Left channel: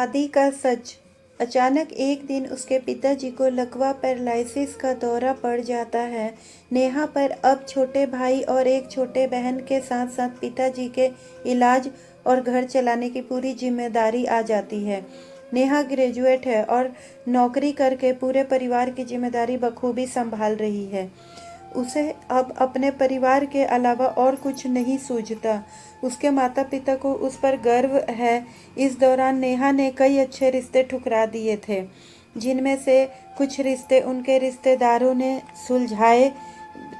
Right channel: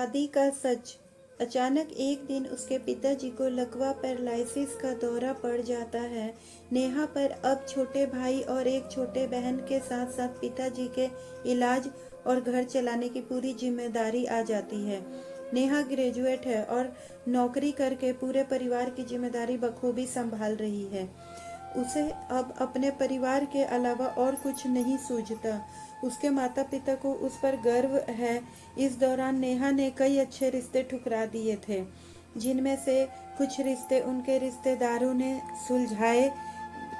शादी का सच। अचानक एक दिन उसके पिताजी को लकवा पैरालिसिस का दौरा पड़ जाता है। नेहा पर अब छोटे भाई और एक छोटे बहन के साथ साथ पिताजी के इलाज और घर चलाने की पूरी जिम्मेदारी आ जाती है। नेहा ग्रेजुएट है और नौकरी करके पूरे परिवार की जिम्मेदारी बखूबी संभाल रही है। उसे अब अपने परिवार के अलावा और कुछ नहीं सूझता। उसके माता पिता को उस पर गर्व है। इस दौरान नेहा ने कई अच्छे रिश्ते ठुकरा दिए थे, जिनमें से कुछ रिश्ते उनके रिश्तेदारों ने सुलझाए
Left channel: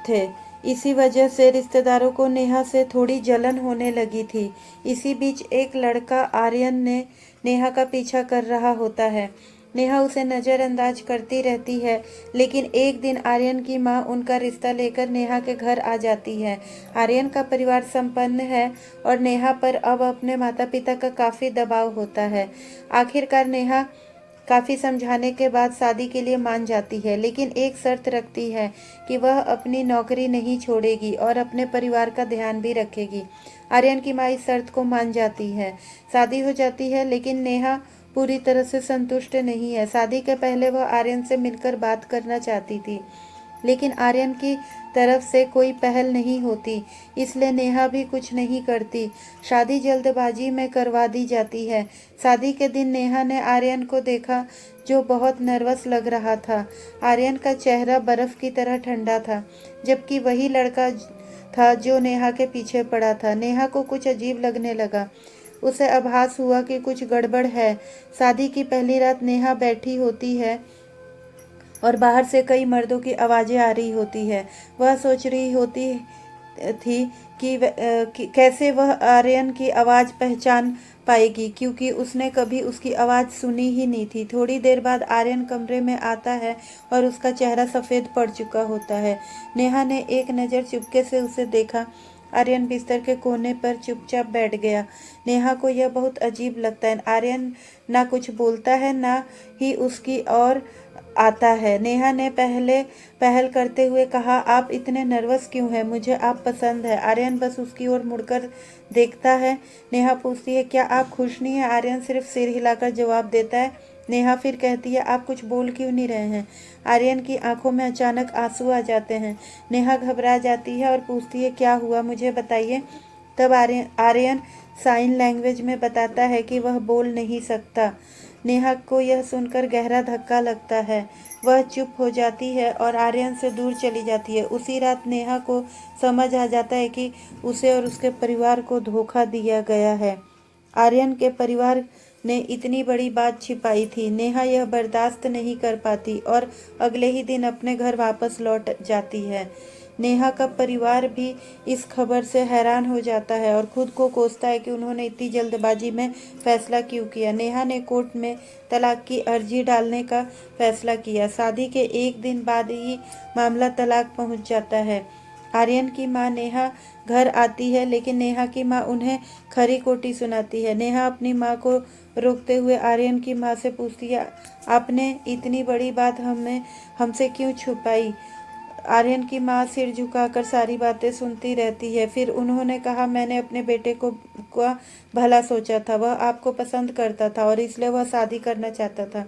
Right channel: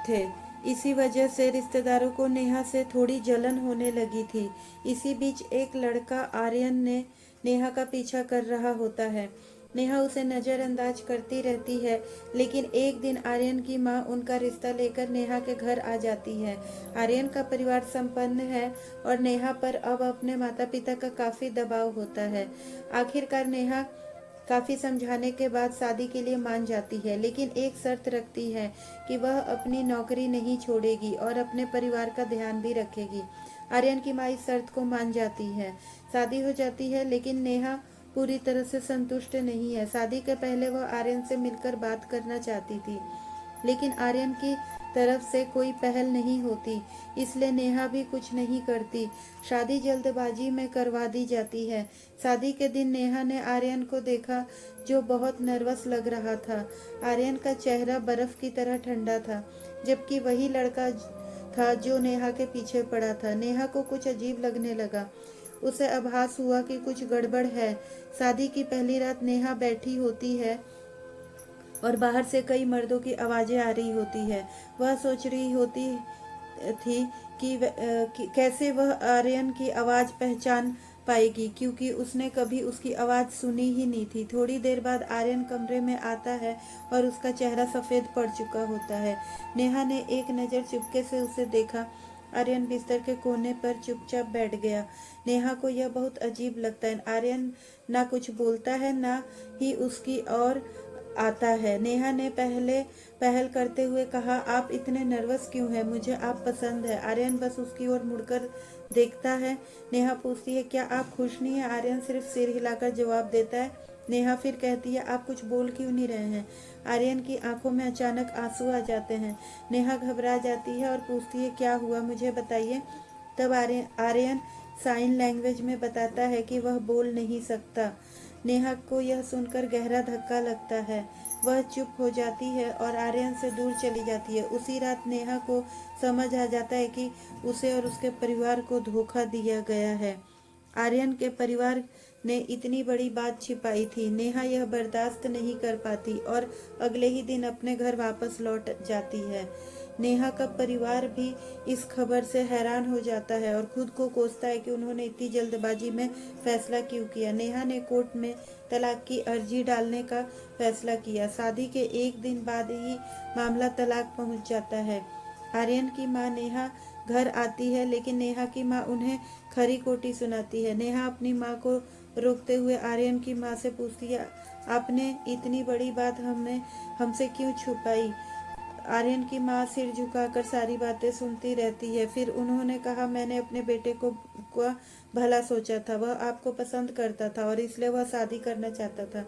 थे। इसी वजह से रिश्तेदारों को नेहा से थोड़ी जलन होने लगी थी। इसी बीच एक लड़का आर्यन ने नेहा का पीछा कर रहा होता है। नेहा उसे नज़रअंदाज करती रहती है, लेकिन एक दिन आर्यन की माँ उनका रिश्ता लेकर नेहा के घर आ जाती है। आर्यन का परिवार संपन्न है और नेहा पर अब अपने माता पिता का काफ़ी दबाव होता है। आखिरकार नेहा काफ़ी समझाने के बाद शादी के लिए मान जाती है, लेकिन एक शर्त रखती है कि वह अपनी नौकरी नहीं छोड़ेगी और अपने परिवार का ध्यान भी रखेगी। आर्यन की माँ इस शर्त को मान जाती है। शादी हो जाती है, लेकिन नेहा पूरी तरह से संतुष्ट नहीं है। शादी के पहले वह आर्यन से मिलकर बात करना चाहती थी, लेकिन आर्यन की तरफ से कोई पहल नहीं होती, इसलिए नेहा भी कुछ नहीं करती। शादी जल्दबाजी में करवा दी जाती है। शादी के दिन नेहा ने आर्यन को देखा, जो बहुत नर्वस लग रहा था। आर्यन का चेहरा बर्फ की तरह ठंडा था, जबकि वही लड़का था जो नेहा के पीछे पड़ा था। नेहा को कुछ अजीब लगने लगा। उसे आभास हुआ कि कुछ गड़बड़ है। शादी की पहली रात नेहा बैठी होती है और बाहर से कई मर्दों की आवाज़ें आ रही होती है। वह सोच रही होती थी कि कैसे वह आर्यन की आवाज़ पहचान पाएगी, क्योंकि उसने कभी उसकी आवाज़ सुनी ही नहीं थी। थोड़ी देर बाद आर्यन कमरे में आता है और उसका चेहरा सफ़ेद पड़ चुका होता है। नेहा ने एक नज़र चुपके से उसे देखा। आर्यन बिस्तर के कोने पर चुपचाप बैठ गया। नेहा को यह बहुत अजीब लगता है। आर्यन ना कुछ बोलता है, ना ही उसकी ओर आता है। नेहा ने पहल करते हुए कहा, आप इतने नर्वस क्यों हैं? मुझे आप पसंद है। आर्यन बस उसकी ओर मुड़कर देखता है। नेहा पूछती है, क्या आप खुश नहीं हैं? आर्यन सिर्फ सिर हिलाकर जवाब देता है। नेहा फिर कहती है, आप कुछ बोल क्यों नहीं रहे हैं? आर्यन की आंखों में अचानक आंसू आ जाते हैं। नेहा घबरा जाती है और पूछती है, क्या हुआ, मुझे बताइए। तब आर्यन साइन लैंग्वेज में बताता है कि वह बोल नहीं सकता। नेहा को यह सुनकर गहरा धक्का लगता है। वह चुप हो जाती है और आर्यन से दूर चली जाती है। उसी रात नेहा को समझ आ जाता है कि उसे और उसके परिवार को धोखा दिया गया है। आर्यन के परिवार ने इतनी बड़ी बात छिपाई थी। नेहा यह बर्दाश्त नहीं कर पाती और अगले ही दिन अपने घर वापस लौट जाती है। नेहा का परिवार भी इस खबर से हैरान हो जाता है और खुद को कोसता है कि उन्होंने इतनी जल्दबाजी में फैसला क्यों किया। नेहा ने कोर्ट में तलाक की अर्जी डालने का फैसला किया। शादी के एक दिन बाद ही मामला तलाक पहुंच जाता है। आर्यन की मां नेहा घर आती है, लेकिन नेहा की मां उन्हें खरी खोटी सुनाती है। नेहा अपनी मां को रोकते हुए आर्यन की मां से पूछती है, आपने इतनी बड़ी बात हमसे क्यों छुपाई? आर्यन की माँ सिर झुकाकर सारी बातें सुनती रहती है। फिर उन्होंने कहा, मैंने अपने बेटे का भला सोचा था। वह आपको पसंद करता था और इसलिए वह शादी करना चाहता था।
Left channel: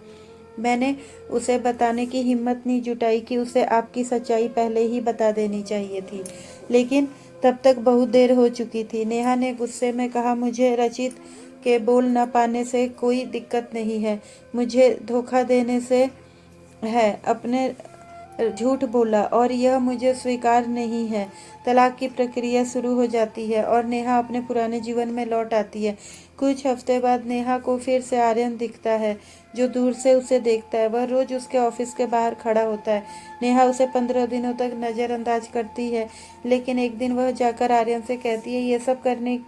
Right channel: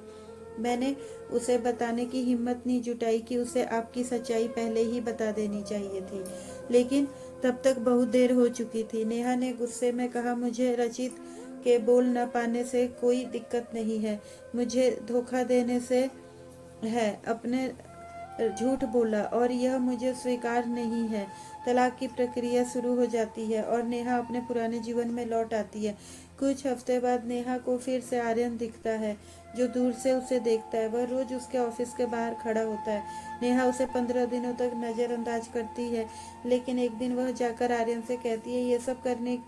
मैंने उसे बताने की हिम्मत नहीं जुटाई कि उसे आपकी सच्चाई पहले ही बता देनी चाहिए थी, लेकिन तब तक बहुत देर हो चुकी थी। नेहा ने गुस्से में कहा, मुझे रचित के बोल न पाने से कोई दिक्कत नहीं है, मुझे धोखा देने से है। अपने झूठ बोला और यह मुझे स्वीकार नहीं है। तलाक की प्रक्रिया शुरू हो जाती है और नेहा अपने पुराने जीवन में लौट आती है। कुछ हफ्ते बाद नेहा को फिर से आर्यन दिखता है, जो दूर से उसे देखता है। वह रोज उसके ऑफिस के बाहर खड़ा होता है। नेहा उसे 15 दिनों तक नज़रअंदाज करती है, लेकिन एक दिन वह जाकर आर्यन से कहती है, ये सब करने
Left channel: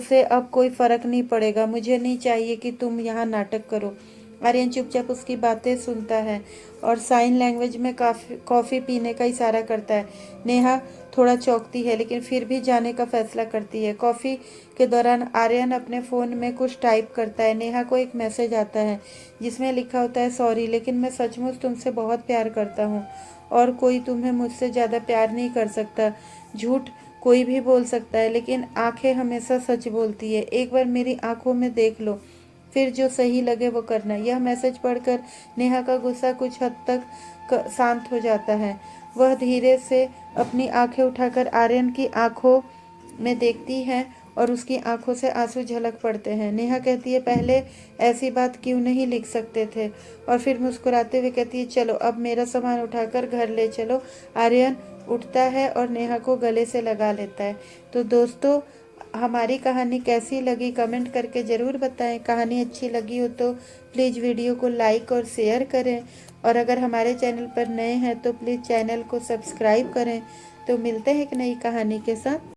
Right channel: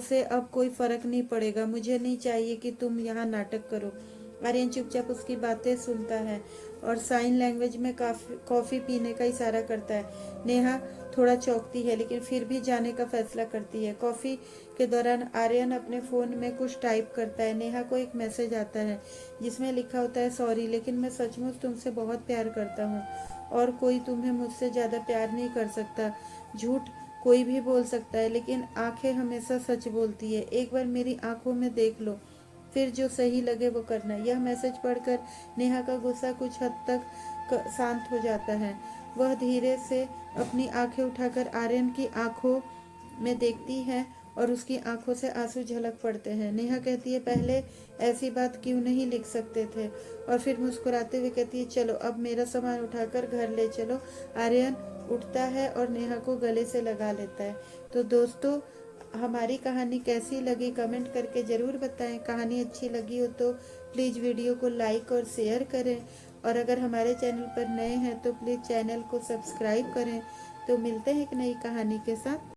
से अब कोई फर्क नहीं पड़ेगा। मुझे नहीं चाहिए कि तुम यहाँ नाटक करो। आर्यन चुपचाप उसकी बातें सुनता है और साइन लैंग्वेज में कॉफ़ी पीने का इशारा करता है। नेहा थोड़ा चौंकती है, लेकिन फिर भी जाने का फैसला करती है। कॉफ़ी के दौरान आर्यन अपने फ़ोन में कुछ टाइप करता है। नेहा को एक मैसेज आता है, जिसमें लिखा होता है, सॉरी, लेकिन मैं सचमुच तुमसे बहुत प्यार करता हूँ और कोई तुम्हें मुझसे ज़्यादा प्यार नहीं कर सकता। झूठ कोई भी बोल सकता है, लेकिन आंखें हमेशा सच बोलती है। एक बार मेरी आंखों में देख लो। फिर जो सही लगे वो करना। यह मैसेज पढ़कर नेहा का गुस्सा कुछ हद तक शांत हो जाता है। वह धीरे से अपनी आंखें उठाकर आर्यन की आंखों में देखती है और उसकी आंखों से आंसू झलक पड़ते हैं। नेहा कहती है, पहले ऐसी बात क्यों नहीं लिख सकते थे? और फिर मुस्कुराते हुए कहती है, चलो अब मेरा सामान उठाकर घर ले चलो। आर्यन उठता है और नेहा को गले से लगा लेता है। तो दोस्तों, हमारी कहानी कैसी लगी कमेंट करके ज़रूर बताएं। कहानी अच्छी लगी हो तो प्लीज़ वीडियो को लाइक और शेयर करें, और अगर हमारे चैनल पर नए हैं तो प्लीज़ चैनल को सब्सक्राइब करें। तो मिलते हैं एक नई कहानी के साथ।